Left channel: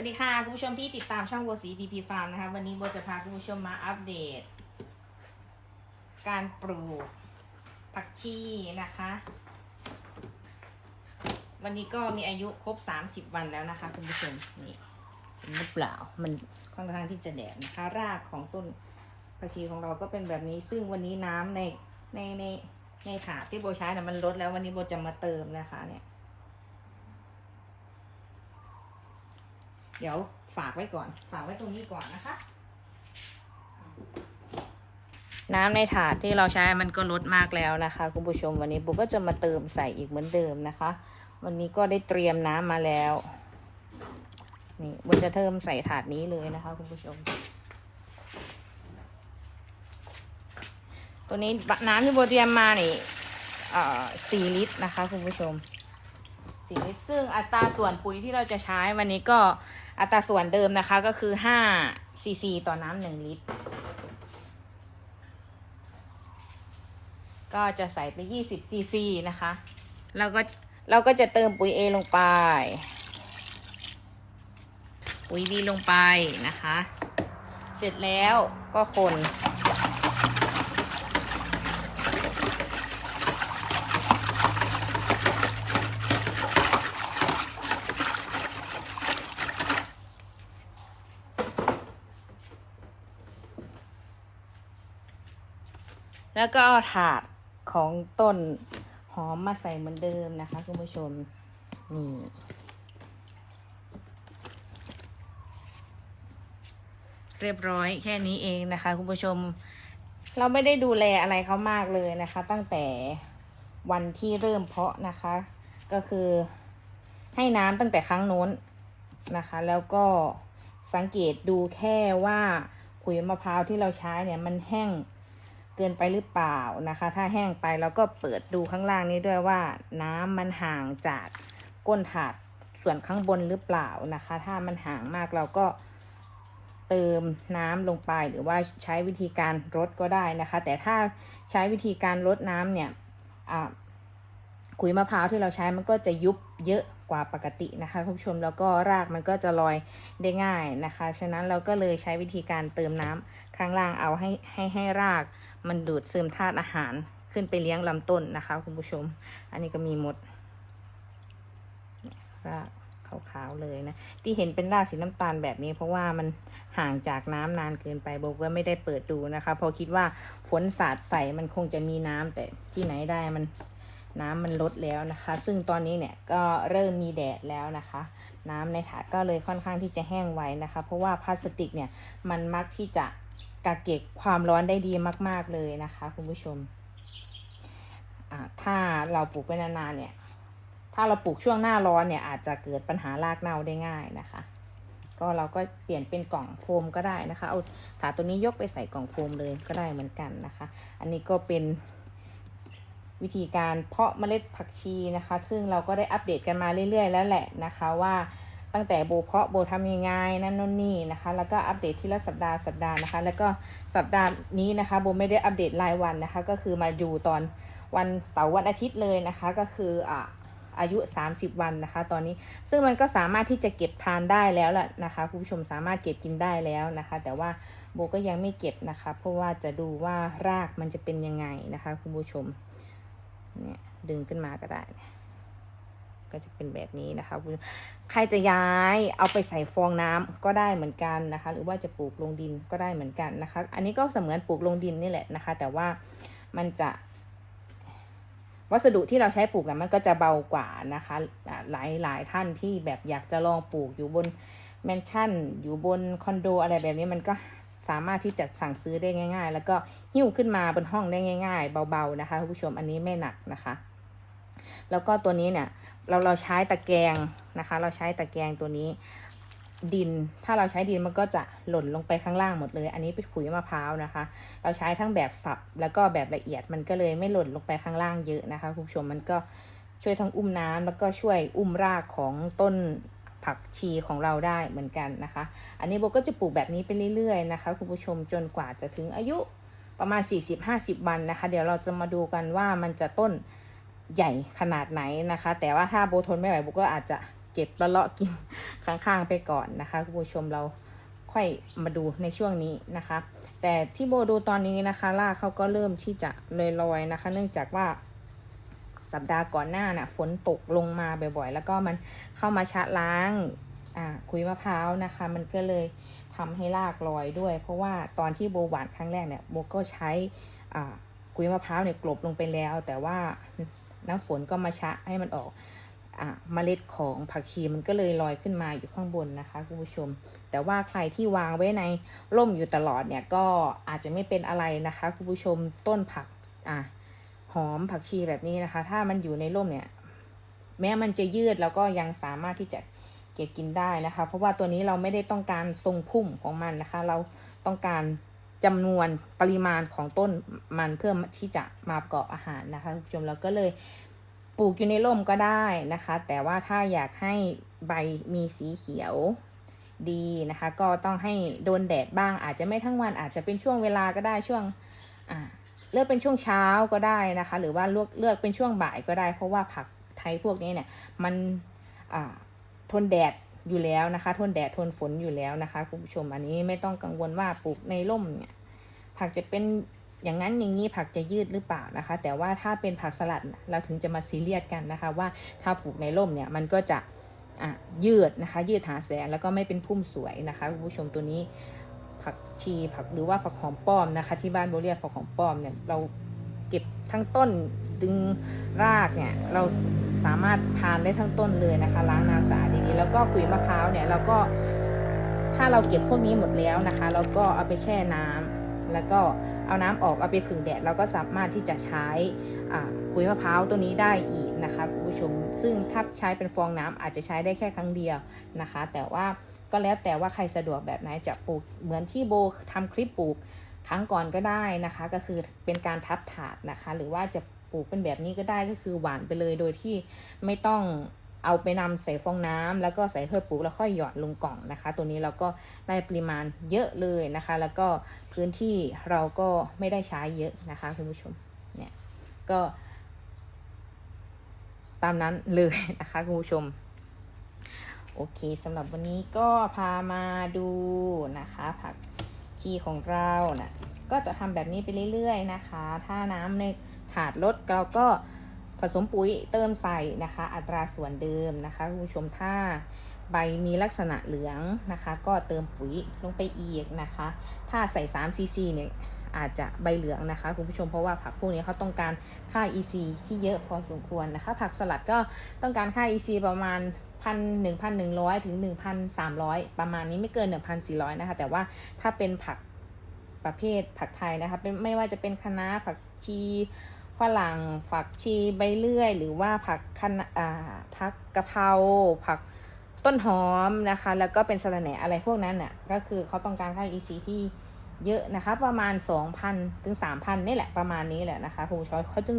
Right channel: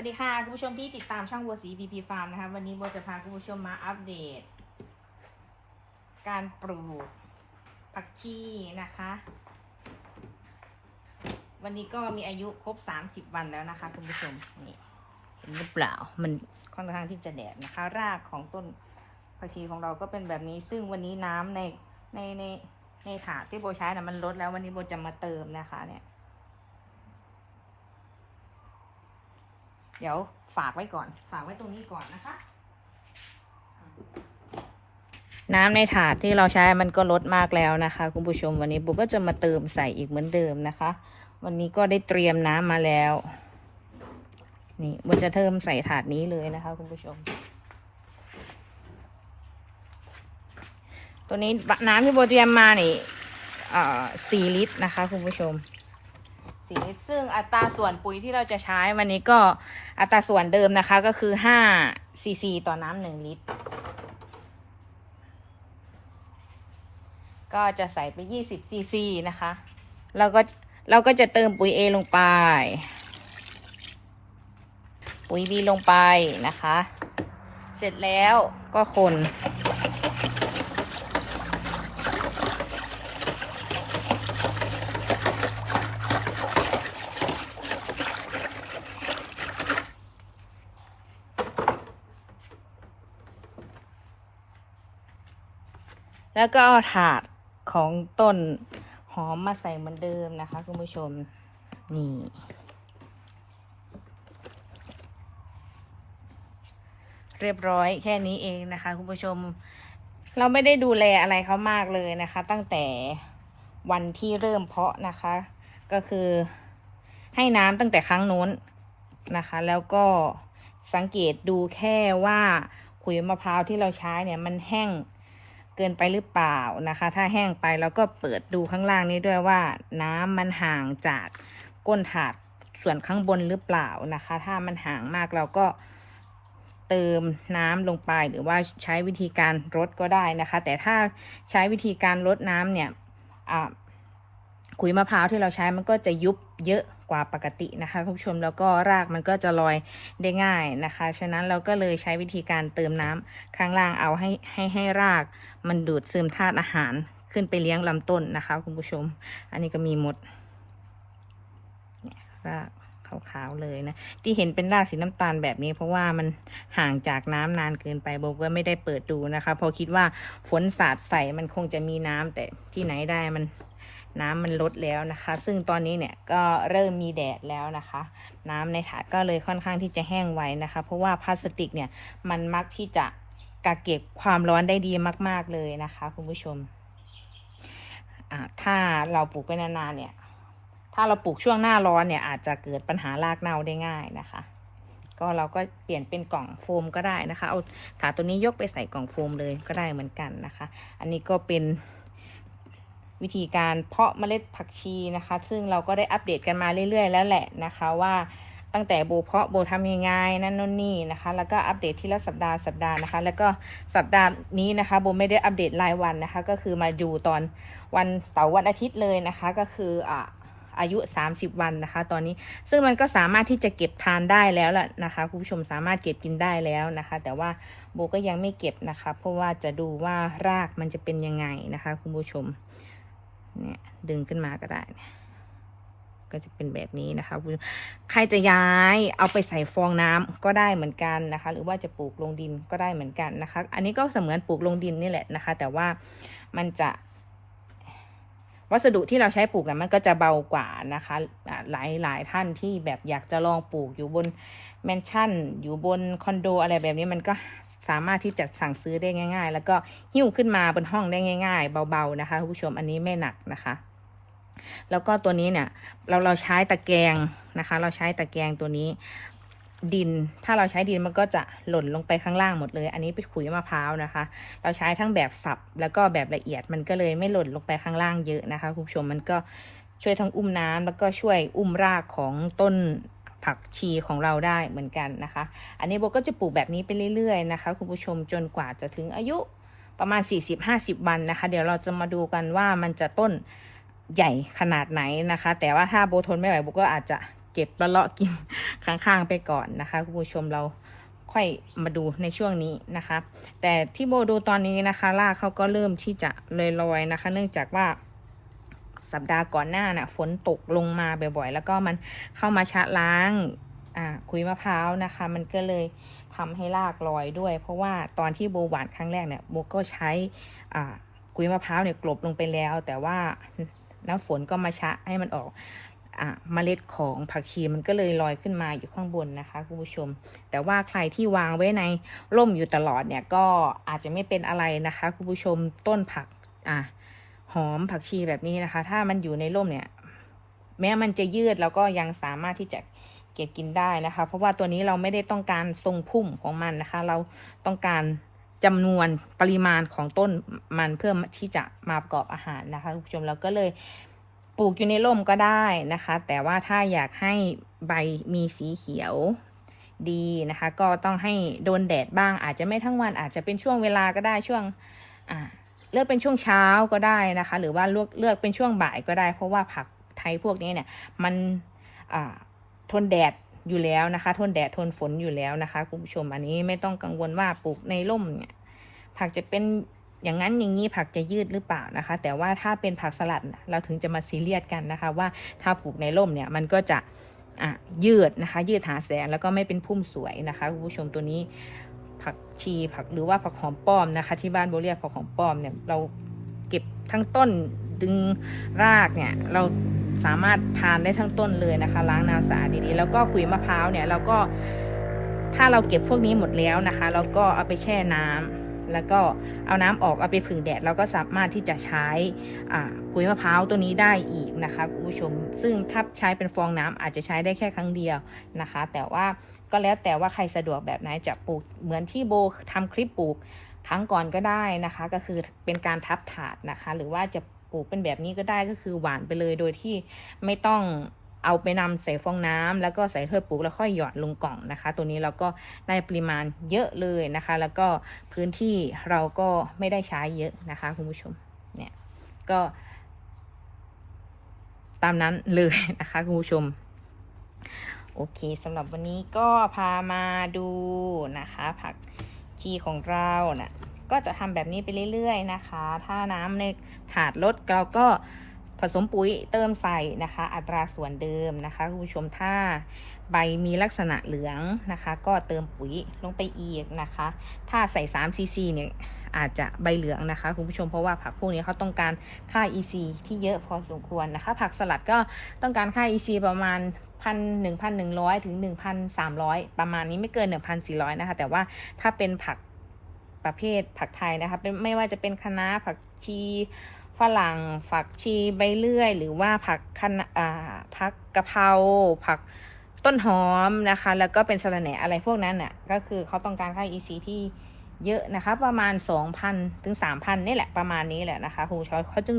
วัสดีค่ะคุณผู้ชมที่ติดตามช่องบัวสีพีพีฟาร์มนะคะวันนี้บัวจะพาคุณผู้ชมมาอัปเดต การปลูกผักชีนะคะ วันนี้ก็มีอายุครบ30วันแล้วนะคะคุณผู้ชมนี่เห็นหรือเปล่ามันค่อนข้างที่จะแดดนะคะ รากของต้นผักชีของเราก็เป็นแบบนี้ ซึ่งวันนี้น้ำในในในในถาดที่โบใช้นะมันลดแล้ววันนี้โบจะมาเติมนะคะเนี่ย เดี๋ยวฝากไว้ก่อน ฝากไว้ตรงนี้ก่อนนะคะ น้ำในถาดที่เราใช้มันก็ลดมากแล้วนะคะ คุณผู้ชมวันนี้บุ๊กก็จะมาเติมใส่อีกเหมือนเดิมนะคะ วันนี้ก็ได้เตรียมน้ำมาแล้ว นี่มันจะเติมใส่ถาดนี้เลยนะคะ คุณผู้ชม ตัวนี้น้ำที่โบเตรียมมานี่อ่าสี่ลิตรนะคะ คุณผู้ชม สีลิตรซึ่งอัตราส่วนปุ๋ยที่เราจะใช้วันนี้ก็อัตราส่วนเดิมนะคะก็คือห้าซีซีต่อน้ำหนึ่งลิตร ก็จะใส่ไปยี่สิบซีซีนะคะ เราก็เราก็จะเติมปุ๋ย A ลงไป ปุ๋ย B ลงไปนะคะ เสร็จแล้วก็คน แล้วก็เอาถาดของต้นหอมมาใส่เหมือนเดิมนะคะคุณผู้ชม นี่เรียบร้อยแค่นี้เองนะคะ คุณผู้ชม เราไม่ได้ดูแลอะไรเขามากเลยนะคะ ตั้งแต่วันที่เริ่มเพาะนะคะ ก็คือให้น้ำตั้งแต่ครั้งนู้นนะคะ แล้วก็สังเกตดูแค่ว่าขุยมะพร้าวที่เราใช้เนี่ยมันแห้ง เกินไปหรือเปล่านะคะ ถ้าแห้งไปเราก็เปิดดูข้างล่างนี้ด้วยว่าน้ำมันห่างจากก้นถาดส่วนข้างบนหรือเปล่านะคะ ถ้ามันห่างมากเราก็เติมน้ำลงไปหรือว่าใช้วิธีการรดก็ได้นะคะ แต่ถ้าใช้วิธีการรดน้ำเนี่ยขุยมะพร้าวที่เราใช้มันก็จะยุบเยอะกว่าปกตินะคะคุณผู้ชมแล้วก็รากมันก็จะลอยได้ง่ายนะคะ ฉะนั้นเราก็เลยใช้วิธีการเติมน้ำข้างล่างเอาให้ให้ให้ราก มันดูดซึมธาตุอาหารขึ้นไปเลี้ยงลำต้นนะคะ คุณผู้ชม อันนี้ก็มีหมดรากขาวๆเลยนะ ที่เห็นเป็นรากสีน้ำตาลแบบนี้ เพราะว่ามันห่างจากน้ำนานเกินไปบอกว่าไม่ได้เปิดดูนะคะ พอคิดว่าฝนสาดใส่มันคงจะมีน้ำแต่ที่ไหนได้มันน้ำมันลดแล้วนะคะ ซึ่งตอนนี้เนี่ยก็เริ่มมีแดดแล้วนะคะ น้ำในถาดก็เลยค่อนข้างที่จะแห้งไวนะคะ เพราะว่าพลาสติกเนี่ยมันมักที่จะ กักเก็บความร้อนได้ดีมาก ๆเลยนะคะคุณผู้ชม ถ้าเราปลูกไปนานๆเนี่ย ถ้าเราปลูกช่วงหน้าร้อนเนี่ยอาจจะเกิดปัญหารากเน่าได้ง่ายนะคะ ก็เราก็เปลี่ยนเป็นกล่องโฟมก็ได้นะคะ เอาถาตัวนี้ยกไปใส่กล่องโฟมเลยก็ได้เหมือนกันนะคะ อันนี้ก็เป็นวิธีการเพาะเมล็ดผักชีนะคะ ซึ่งเราก็ได้อัปเดตกันมาเรื่อย ๆ แล้วแหละนะคะว่า ตั้งแต่โบเพาะโบทำยังไงนั่นนู่นนี่นะคะ แล้วก็อัปเดตทีละสัปดาห์สัปดาห์นะคะ แล้วก็สัปดาห์นี้นะคะโบไม่ได้อัปเดตรายวันนะคะ ก็คือมาดูตอนวันเสาร์วันอาทิตย์เลยนะคะ ก็คืออ่าอายุ 30 วันนะคะ ตอนนี้ซึ่งมันก็สามารถที่จะเก็บทานได้แล้วล่ะนะคะคุณผู้ชมสามารถเก็บกินได้แล้วนะคะ แต่ว่าโบก็ยังไม่เก็บนะคะ เพราะว่าจะดูว่ารากมันจะเป็นยังไงนะคะ คุณผู้ชมเนี่ยดึงขึ้นมาก็ได้ ก็จะเป็นแบบนี้นะคะ ใครจะย้ายเอาไปใส่ฟองน้ำก็ได้เหมือนกันนะคะ หรือว่าจะปลูกลงดินก็ได้เหมือนกันนะคะ อันนี้ก็เสมือนปลูกลงดินนี่แหละนะคะ แต่ว่ามันจะวัสดุที่เราใช้ปลูกนะมันก็จะเบากว่านะคะ หลายหลายท่านที่แบบอยากจะลองปลูกอยู่บนแมนชั่น อยู่บนคอนโดอะไรแบบนี้มันก็สามารถที่จะสั่งซื้อได้ง่าย ๆ แล้วก็หิ้วขึ้นมาบนห้องได้ง่าย ๆ เบาๆนะคะผู้ชมอันนี้ไม่หนักนะคะ แล้วก็ตัวนี้เนี่ยเราเราใช้ตะแกรงนะคะ เราใช้ตะแกรงตัวนี้ดิน ถ้าเราใช้ดินมันก็จะหล่นลงไปข้างล่างหมดเลย อันนี้เป็นขุยมะพร้าวนะคะ เราใช้ทั้งแบบสับแล้วก็แบบละเอียดมันก็เลยไม่หล่นลงไปข้างล่างเยอะนะคะคุณผู้ชมมันก็ช่วยทั้งอุ้มน้ำแล้วก็ช่วยอุ้มรากของต้นผักชีของเราได้เหมือนกันนะคะ อันนี้โบก็จะปลูกแบบนี้ไปเรื่อยๆนะคะคุณผู้ชมจนกว่าจะถึงอายุประมาณ 40-50 วันนะคะ เดี๋ยวเราจะมาดูกันว่ามันจะต้น ใหญ่ขนาดไหนนะคะ แต่ว่าถ้าโบทนไม่ไหวโบก็อาจจะเก็บละเลาะกินข้างๆไปก่อนนะคะคุณผู้ชมเราค่อยมาดูในช่วงนี้นะคะ แต่ที่โบดูตอนนี้นะคะรากเขาก็เริ่มที่จะลอยๆนะคะ เนื่องจากว่าสัปดาห์ก่อนหน้าน่ะฝนตกลงมาบ่อยๆ แล้วก็มันเข้ามาชะล้างอ่าคุยมะพร้าวนะคะ มันก็เลยทำให้รากลอยด้วย เพราะว่าตอนที่โบหวานครั้งแรกเนี่ยโบก็ใช้อ่าคุยมะพร้าวเนี่ยกลบลงไปแล้ว แต่ว่า น้ำฝนก็มาชะให้มันออกอ่าเมล็ดของผักชีมันก็เลยลอยขึ้นมาอยู่ข้างบนนะคะคุณผู้ชม แต่ว่าใครที่วางไว้ในร่มอยู่ตลอดเนี่ยก็อาจจะไม่เป็นอะไรนะคะคุณผู้ชมต้นผักอ่าหอมผักชีแบบนี้นะคะ ถ้ามันอยู่ในร่มเนี่ย แม้มันจะยืดแล้วก็ยังสามารถที่จะเก็บกินได้นะคะ เพราะว่าตัวนี้เราไม่ได้ต้องการทรงพุ่มของมันนะคะ เราต้องการ จำนวนปริมาณของต้นมันเพื่อที่จะมาประกอบอาหารนะคะคุณผู้ชมเราก็เลยปลูกอยู่ในร่มก็ได้นะคะ แต่ว่าถ้าอยากให้ใบมีสีเขียวดีนะคะ ก็ต้องให้โดนแดดบ้างอาจจะไม่ทั้งวันอาจจะเป็นช่วงเวลาก็ได้ช่วงเลือกเป็นช่วงเช้าก็ได้นะคะ หรือว่าเลือกเลือกเป็นช่วงบ่ายก็ได้ เพราะว่าผักไทยพวกนี้เนี่ยมันทนแดด อยู่แล้วนะคะ ทนแดดทนฝนอยู่แล้วนะคะคุณผู้ชมอันนี้ไม่ต้องกังวลว่าปลูกในร่มเนี่ยผักจะเป็นอย่างนั้นอย่างนี้ผักจะยืดหรือเปล่านะคะ แต่ว่าถ้าเป็นผักสลัดเราถึงจะมาซีเรียสกันนะคะ ว่าถ้าปลูกในร่มเนี่ยมันก็จะอะยืดนะคะ ยืดหาแสงแล้วก็ไม่เป็นพุ่มสวยนะคะคุณผู้ชมตัวนี้ผักชีผักหรือว่าผักหอมป้อมนะคะ ที่บ้านโบเรียกผักหอมป้อมเนี่ยเราเก็บทั้งต้น ดึงรากเนี่ยเราสามารถทานได้ทั้งต้นเลยนะคะ ล้างน้ำสะอาดดีๆแล้วก็ขุยมะพร้าวเนี่ยเราก็ถ้าเราเก็บพวกนี้หมดแล้วนะคะ เราก็เอาไปแช่น้ำแล้วก็เอาน้ำออกเอาไปผึ่งแดดเราก็สามารถที่จะใช้อ่าขุยมะพร้าวตัวนี้ได้อีกนะคะคุณผู้ชม ซึ่งถ้าใช้เป็นฟองน้ำอาจจะใช้ได้แค่ครั้งเดียวนะคะ แต่ว่าก็แล้วแต่ว่าใครสะดวกแบบไหนจะปลูกเหมือนที่โบทำคลิปปลูกครั้งก่อนก็ได้นะคะ ก็คือเป็นการทับถาดนะคะ หรือว่าจะ ปลูกเป็นแบบนี้ก็ได้ก็คือหวานไปเลยโดยที่ไม่ต้องเอาไปนำใส่ฟองน้ำแล้วก็ใส่ถ้วยปลูกแล้วค่อยหยอดลงกล่องนะคะ ตัวนี้เราก็ได้ปริมาณเยอะเลยนะคะ แล้วก็พื้นที่เราก็ไม่ได้ใช้เยอะนะคะคุณผู้ชมเนี่ยก็ ตามนั้นเลยนะคะคุณผู้ชมโอเคสำหรับวันนี้ก็พามาดูนะคะ ผักชีของเรานะ่ะ ก็จะทำแบบนี้ไปเรื่อยๆนะคะ ถ้าน้ำในถาดลดเราก็ผสมปุ๋ยเติมใส่นะคะ อัตราส่วนเดิมนะคะคุณผู้ชมถ้าใบมีลักษณะเหลืองนะคะ ก็เติมปุ๋ยลงไปอีกนะคะ ถ้าใส่3ซีซีเนี่ยอาจจะใบเหลืองนะคะคุณผู้ชมเพราะว่าผักพวกนี้เขาต้องการค่า EC ที่เยอะพอสมควรนะคะ ผักสลัดก็ต้องการค่า EC ประมาณพันหนึ่งพันหนึ่งร้อยถึงหนึ่งพันสามร้อยประมาณนี้ไม่เกินหนึ่งพันสี่ร้อยนะคะ แต่ว่าถ้าเป็นผัก ประเภทผักไทยนะคะเป็นไม่ว่าจะเป็นคะน้าผักชีฝรั่งผักชีใบเลื่อย หรือว่าผักคะน้าผักกะเพราผักต้นหอมนะคะ แล้วก็เป็นสะระแหน่อะไรพวกนั้นน่ะก็คือเขาต้องการค่า EC ที่เยอะนะคะ ประมาณ 2,000 ถึง 3,000 นี่แหละประมาณนี้แหละนะคะคุณผู้อยเขาจึง